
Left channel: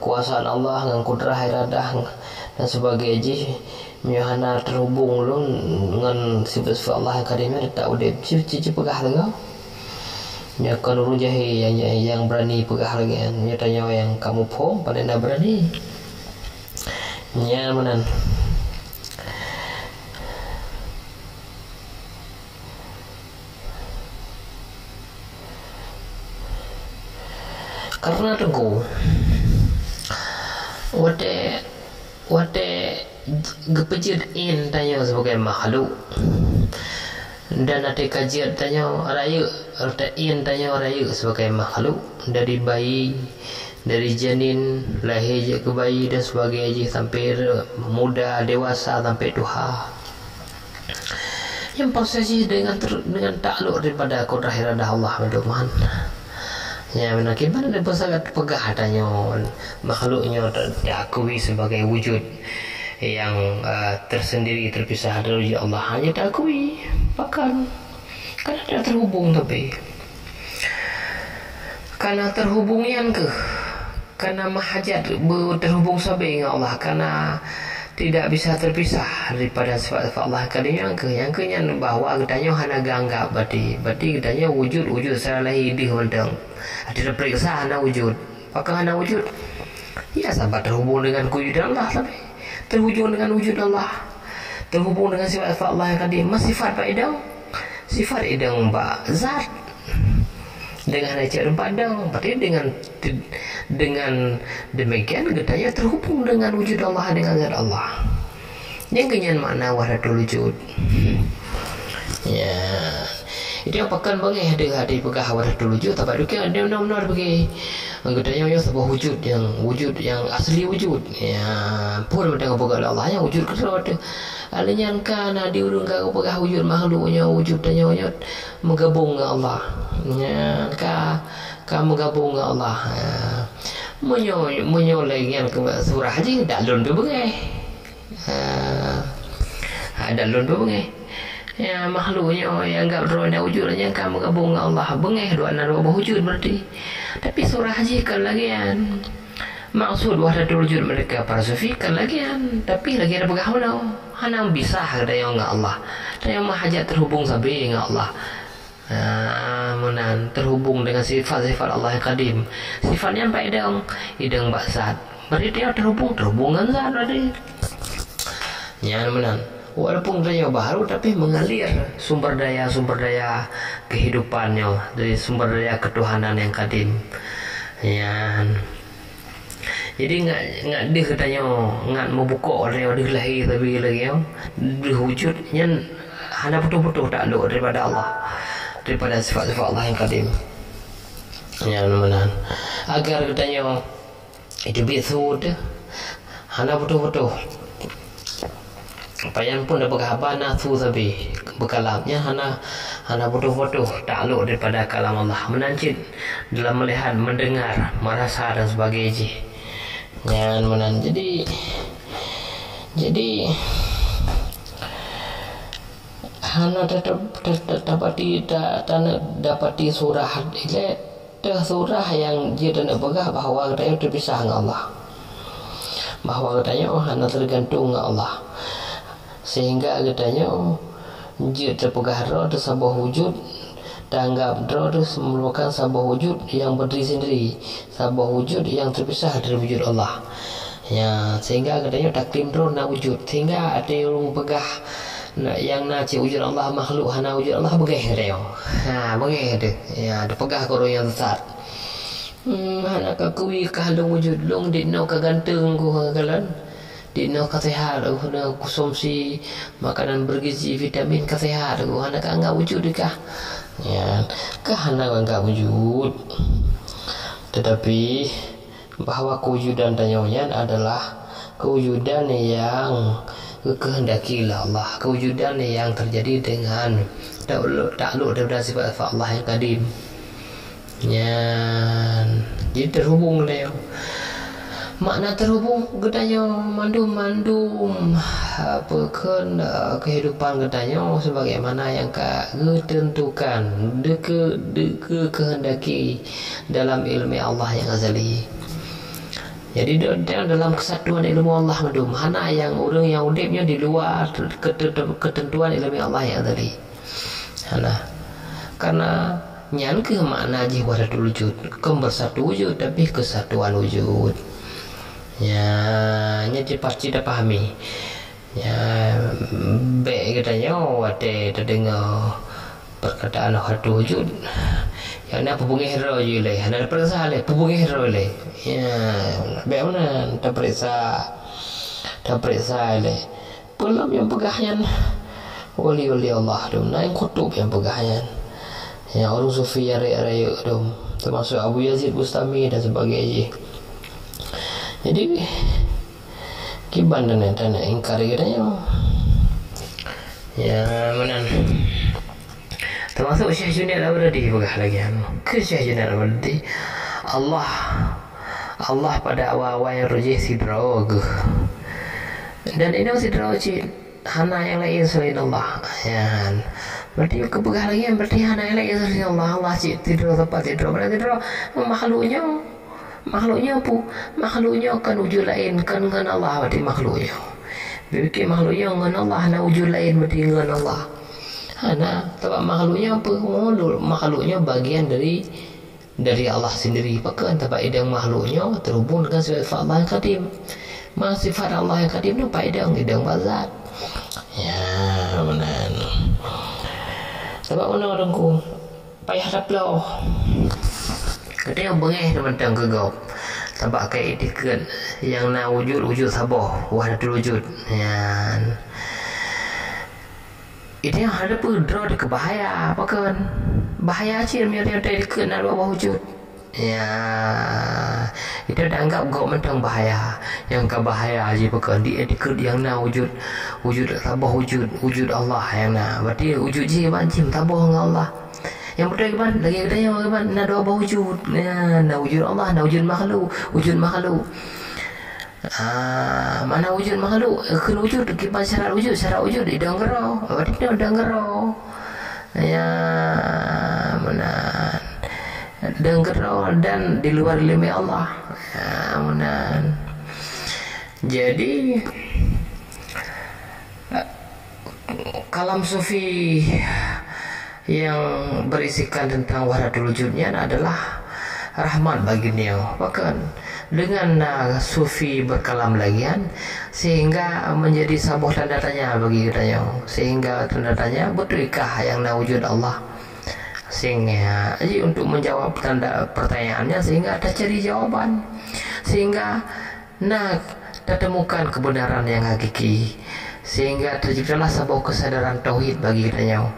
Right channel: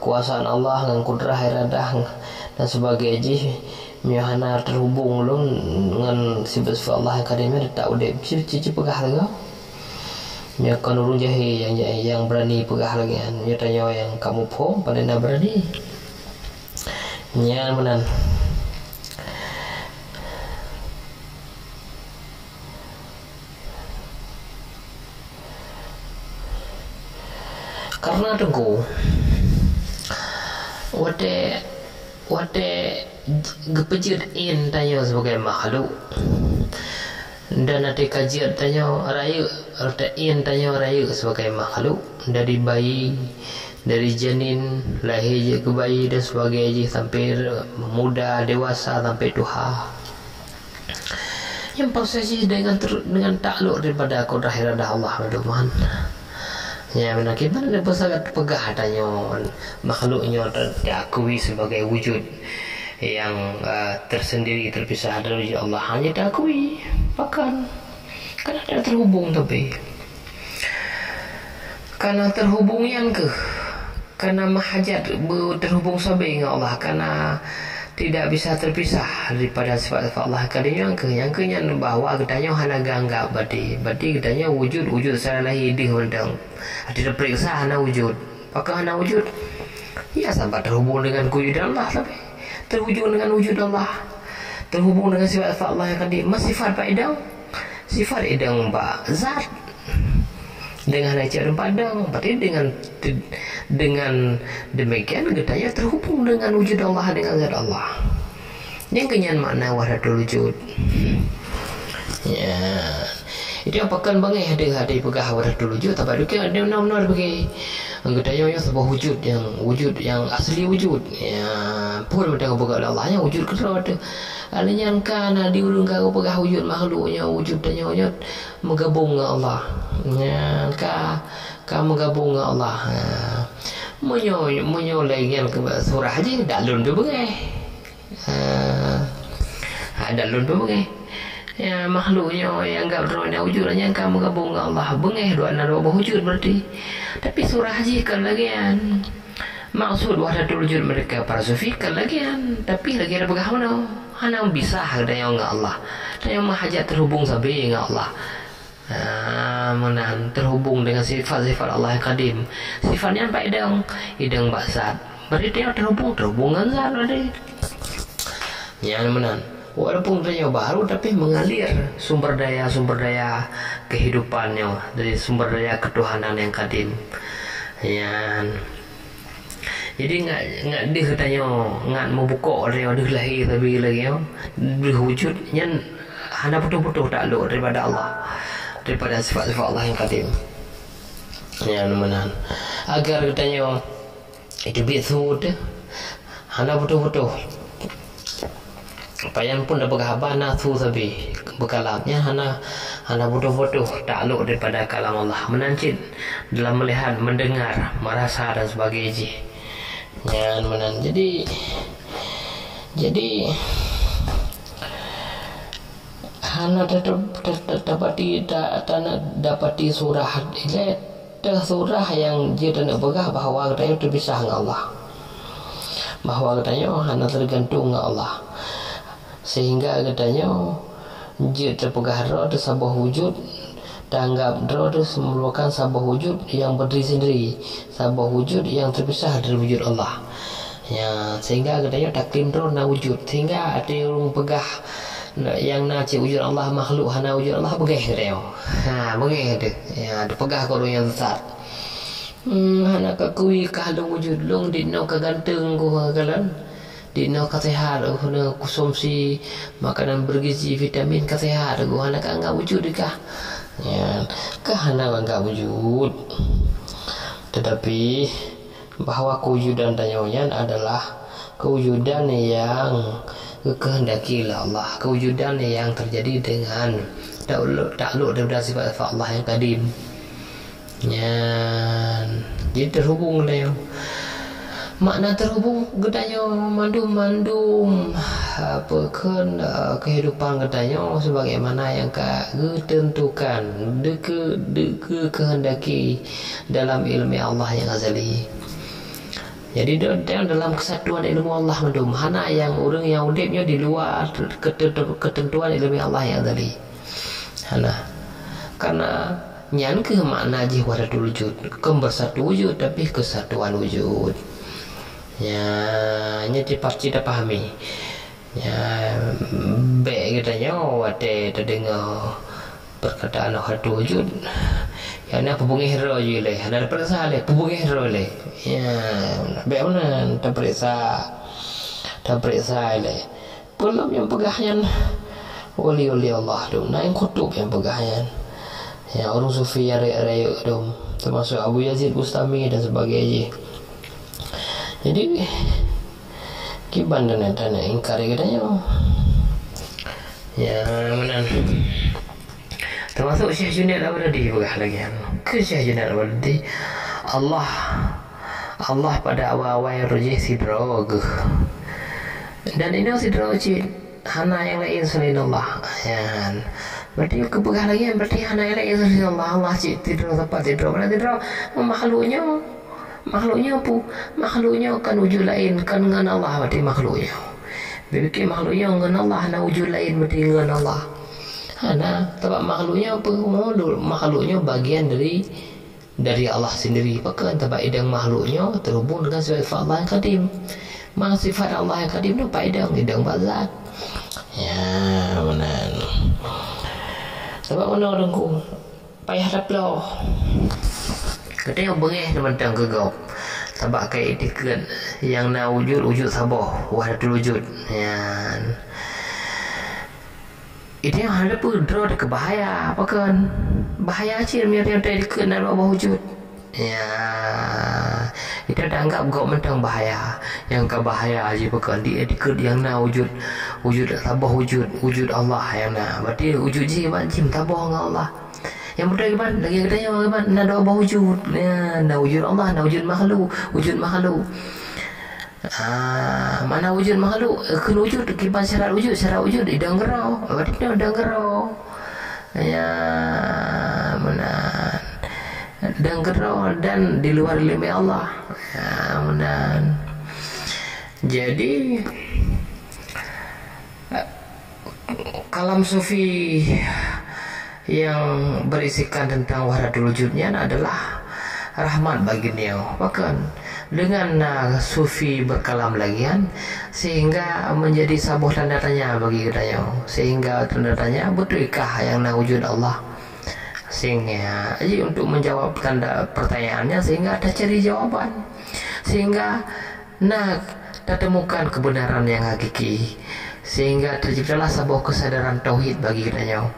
kuasaan Allah dengan kudrah iradah dan sebagainya hana terhubung dengan sifat Allah yang kadimnya tak udah cici pegah lagi ya kan urung jahe yang berani pegah lagi ya tanya yang kamu pom pada nak berani ya menan karena tunggu wate gepejud in tanya sebagai makhluk dan ada kajian tanya raya in tanya raya sebagai makhluk dari bayi dari janin lahir ke bayi dan sebagainya sampai muda dewasa sampai tua yang prosesnya dengan takluk daripada kudrah iradah Allah Tuhan ya menakibat ada sangat pegah tanya makhluknya diakui sebagai wujud yang tersendiri terpisah dari Allah hanya diakui bahkan karena tidak terhubung tapi karena terhubungnya karena mahajat terhubung sampai dengan Allah karena tidak bisa terpisah daripada sifat-sifat Allah kadang yang kenyan bahwa katanya hana ganggap berarti katanya wujud secara lahir di hontang ada periksa hana wujud apakah hana wujud ya sampai terhubung dengan wujudan Allah tapi terhubung dengan wujud Allah terhubung dengan sifat-sifat Allah yang kadim sifat idang mbak zat Dengan aja dan padang, berarti dengan demikian gedanya terhubung dengan wujud Allah, dengan zat Allah. Yang kenyan makna wahdatul wujud. Ya, itu yang pekan bangeh ada pegah wahdatul wujud, tapi ada benar-benar bagi gedanya yang sebuah wujud yang asli wujud. Ya, pun mendengar pegah Allah yang wujud kerana alanya kan diurung kau pegah wujud makhluknya wujud dan nyonya menggabung dengan Allah. Ya, ka menggabung dengan Allah. Menyo lagian ke surah aja dalun tu bengai. Dalun tu bengai. Ya, makhluknya yang anggap drone wujudnya kan menggabung dengan Allah. Bengai dua wujud berarti. Tapi surah aja kan lagian. Maksud wahdatul wujud mereka para sufi kan lagian, tapi lagi ada pegah mana hana bisa ada yang dengan Allah dan yang mahajat terhubung sampai dengan Allah. Menan terhubung dengan sifat-sifat Allah yang kadim, sifatnya apa idang baksat berarti dia terhubung dengan zat berarti ya menan. Walaupun dia baru tapi mengalir sumber daya kehidupannya dari sumber daya ketuhanan yang kadim. Ya, jadi nggak dia katanya nggak mau buka dia lahir tapi lagi wujudnya hanya betul-betul takluk daripada Allah, daripada sifat-sifat Allah yang kadim. Ya menan agar katanya itu biasud hanya betul-betul payan pun dah berkhabar nasu tapi berkalamnya hana betul-betul takluk daripada kalam Allah, menancit dalam melihat, mendengar, merasa dan sebagainya. Ya menan jadi hana dapati surah ile surah yang dia nak begah bahawa katanya terpisah dengan Allah, bahawa katanya hana tergantung dengan Allah, sehingga katanya dia terpegah roh sebuah wujud tanggap roh itu merupakan sebuah wujud yang berdiri sendiri, sebuah wujud yang terpisah dari wujud Allah. Ya, sehingga katanya taklim roh na wujud, sehingga ada orang pegah yang naci wujud Allah makhluk hana wujud Allah begeh dia. Begeh dia. Ya, ada pegah koro yang besar. Hana kakui kahalung wujud long di no kaganteng ku kalan. Di no kesehatan ku konsumsi makanan bergizi vitamin kesehatan ku hana ka wujud kah. Ya, hana enggak wujud, tetapi bahawa kewujudan tanyanya adalah kewujudan yang kehendakilah Allah, kewujudan yang terjadi dengan takluk daripada sifat Allah yang kadim. Ya, jadi terhubung dia. Makna terhubung gedanya mandum apa kehidupan gedanya sebagaimana yang ketentukan kehendaki dalam ilmu Allah yang azali. Jadi dalam kesatuan ilmu Allah mandum hana yang orang yang udipnya di luar ketentuan ilmu Allah yang azali. Hana karena nyan ke makna wahdatul wujud bersatu wujud tapi kesatuan wujud. Ya, ini pasti dah pahami. Ya, baik katanya wate terdengar perkataan wahdatul wujud. Yang nak pebungih roh je le, hendak periksa le, pebungih roh le. Ya, baik mana tak periksa le. Belum yang pegahnya wali-wali Allah tu, nah yang kutub yang pegahnya. Ya, orang sufi yang raya tu, termasuk Abu Yazid Bustami dan sebagainya. Jadi kiban dan nak ingkar katanya. Ya menan. Termasuk Syekh Junaid Al-Baghdadi pegah lagi. Ke Syekh Junaid Al-Baghdadi Allah pada awal-awal yang rujih sidrag. Dan ini sidrag hana yang lain selain Allah. Ya. Berarti kepegah lagi berarti hana yang lain selain Allah. Allah tidur tempat tidur mana tidur makhluknya apa? Makhluknya kan wujud lain kan dengan Allah berarti makhluknya. Bikin makhluknya dengan Allah na wujud lain berarti dengan Allah. Hana sebab makhluknya apa? Makhluknya bagian dari Allah sendiri. Pakan sebab idang makhluknya terhubung dengan sifat Allah yang kadim. Mang sifat Allah yang kadim tu idang bazat. Ya, benar. Sebab mana orangku payah dah pelau. Katanya bengeh teman-teman gegap. Tabak kai etiket yang na wujud sabah wahdatul wujud. Yan. Itu yang ada pedro de kebahaya apa kan? Bahaya cir mi ada etiket na bawah wujud. Ya, itu dianggap gak mentang bahaya. Yang kebahaya aja bukan di etiket yang na wujud sabah wujud Allah yang na. Berarti wujud je banjim tabah dengan Allah. Yang betul kan lagi katanya kan na doa wujud. Ya, na wujud Allah, na wujud makhluk. Mana wujud makhluk kena wujud kiban syarat wujud idangero. Berarti dia idangero. Ya, mana dangero dan di luar ilmu Allah. Ya, mana. Jadi kalam sufi yang berisikan tentang wahdatul wujudnya adalah rahmat bagi beliau. Bahkan dengan sufi berkalam lagian sehingga menjadi sebuah tanda tanya bagi kita, sehingga tanda tanya betulkah yang wujud Allah, sehingga jadi untuk menjawab tanda pertanyaannya sehingga ada cari jawaban, sehingga temukan kebenaran yang hakiki, sehingga terciptalah sebuah kesadaran tauhid bagi kita.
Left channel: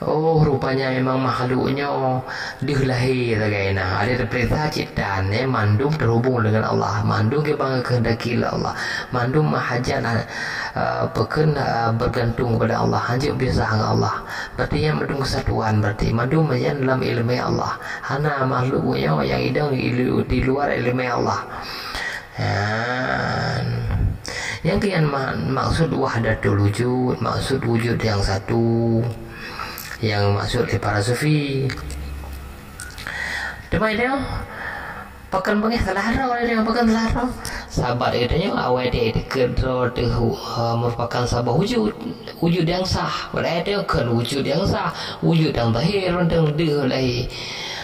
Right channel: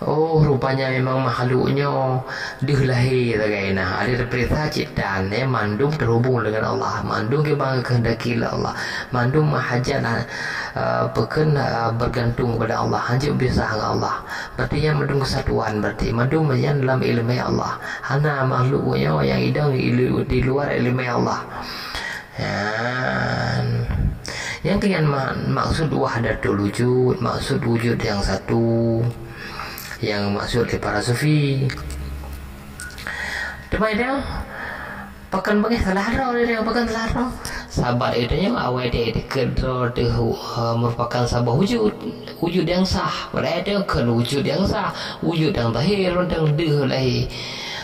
Oh, rupanya memang makhluknya dilahir tagaina. Ada perintah ciptaan, mandum terhubung dengan Allah, mandum ke bangga kehendaki Allah, mandum mahajat bergantung kepada Allah, hanjuk bisa dengan Allah. Berarti yang mandum kesatuan, berarti mandum yang dalam ilmu Allah. Hana makhluknya yang idang di luar ilmu Allah. Yang kian maksud wahdatul wujud, maksud wujud yang satu, yang maksud di para sufi. Demai dia pakan bengeh salah dia pakan salah sahabat katanya awal dia kedro merupakan sabah wujud yang sah. Padahal dia kan wujud yang sah, wujud yang zahir dan dia lahi.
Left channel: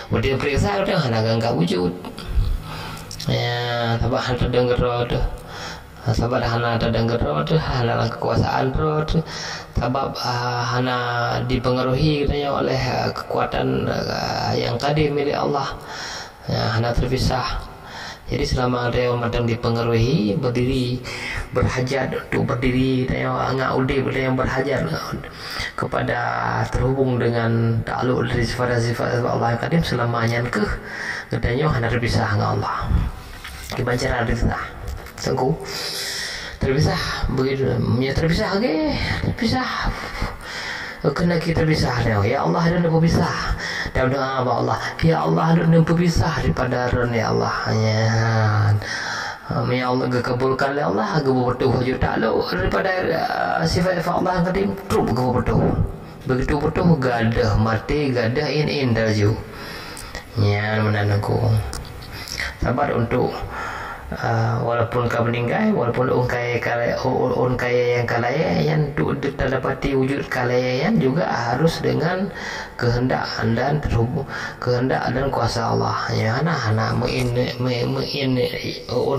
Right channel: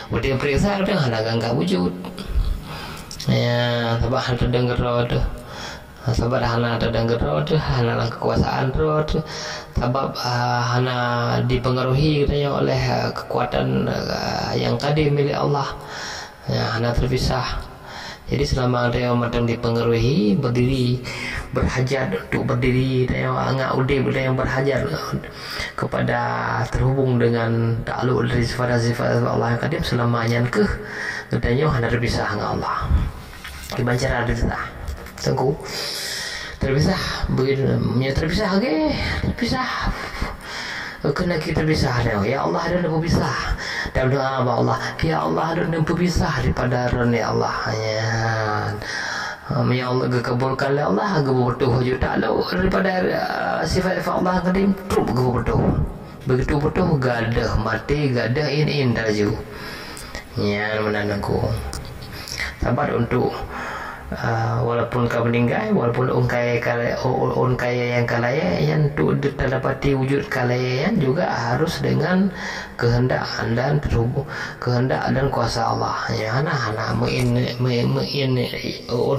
Dia periksa dia hana gangga wujud. Ya, sabah ada dengar tu. Sebab hana ada dengar tu, hana kekuasaan tu. Sebab hana dipengaruhi katanya oleh kekuatan yang kadim milik Allah. Ya, hana terpisah. Jadi selama dia macam dipengaruhi, berdiri, berhajat untuk berdiri, dia angak udip dia yang berhajat kepada terhubung dengan takluk dari sifat-sifat Allah yang kadim selamanya katanya hana terpisah dengan Allah. Kebancara terpisah. Tengku terpisah begitu, terpisah lagi, terpisah. Kena kita pisah ni. Ya Allah, ada nak berpisah. Dan doa Allah, ya Allah, ada nak berpisah daripada ron ya Allah. Ya Allah, kabulkan ya Allah, betul hujud takluk daripada sifat Allah yang kadim terus betul. Begitu betul gadah mati, gadah in daraju. Ya, menanangku. Sabar untuk walaupun kau meninggal, walaupun kaya yang kalaya yang untuk didapati wujud kalaya yang juga harus dengan kehendak dan terhubung kehendak dan kuasa Allah. Ya, hana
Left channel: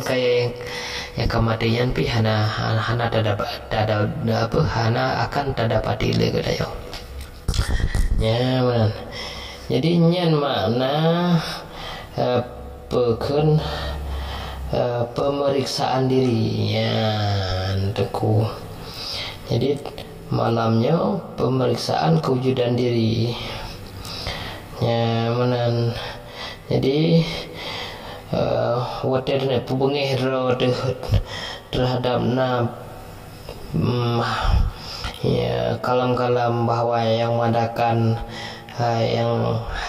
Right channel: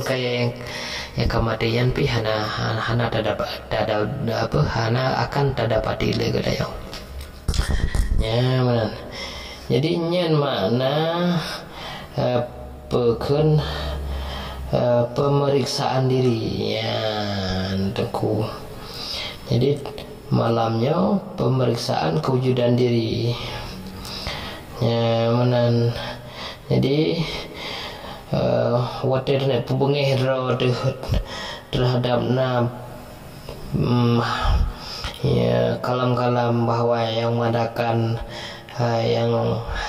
kaya yang kematian pi hana akan terdapati lagi dayo. Ya, benar. Jadi nyen makna pekan pemeriksaan diri ya untukku. Jadi malamnya pemeriksaan kewujudan diri ya menan. Jadi water nak pubengeh terhadap ya kalam-kalam bahwa yang mengadakan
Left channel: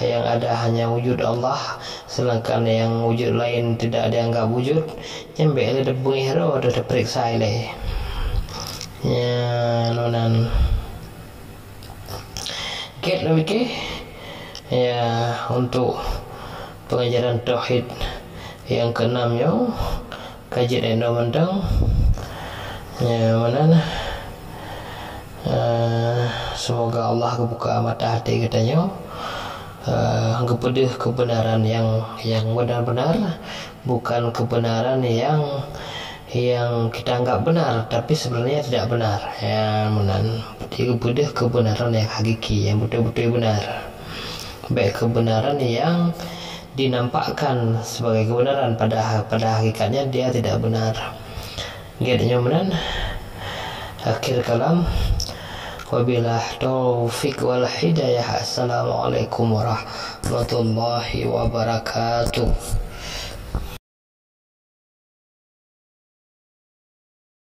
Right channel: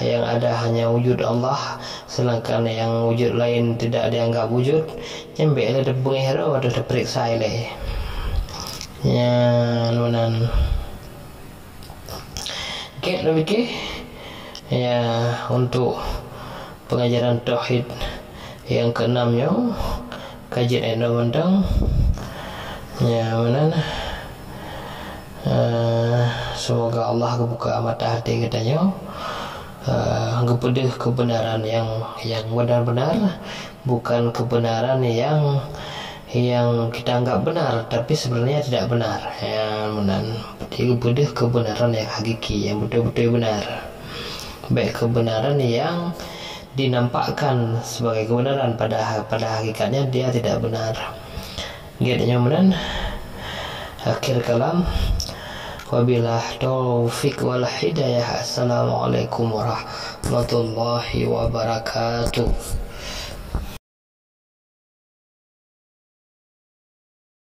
yang ada hanya wujud Allah, sedangkan yang wujud lain tidak dianggap wujud. Jembek le de pengihro de periksa le. Ya nunan. Ket lebih ke ya untuk pengajaran tauhid yang keenamnya kajian endang-endang ya mana semoga Allah kebuka mata hati katanya kepada kebenaran yang benar-benar, bukan kebenaran yang kita anggap benar tapi sebenarnya tidak benar ya menan. Kepada kebenaran yang hakiki, yang betul-betul benar, baik kebenaran yang dinampakkan sebagai kebenaran, pada hakikatnya dia tidak benar. Kemudian akhir kalam, wabilah taufik wal hidayah. Assalamualaikum warahmatullahi wabarakatuh.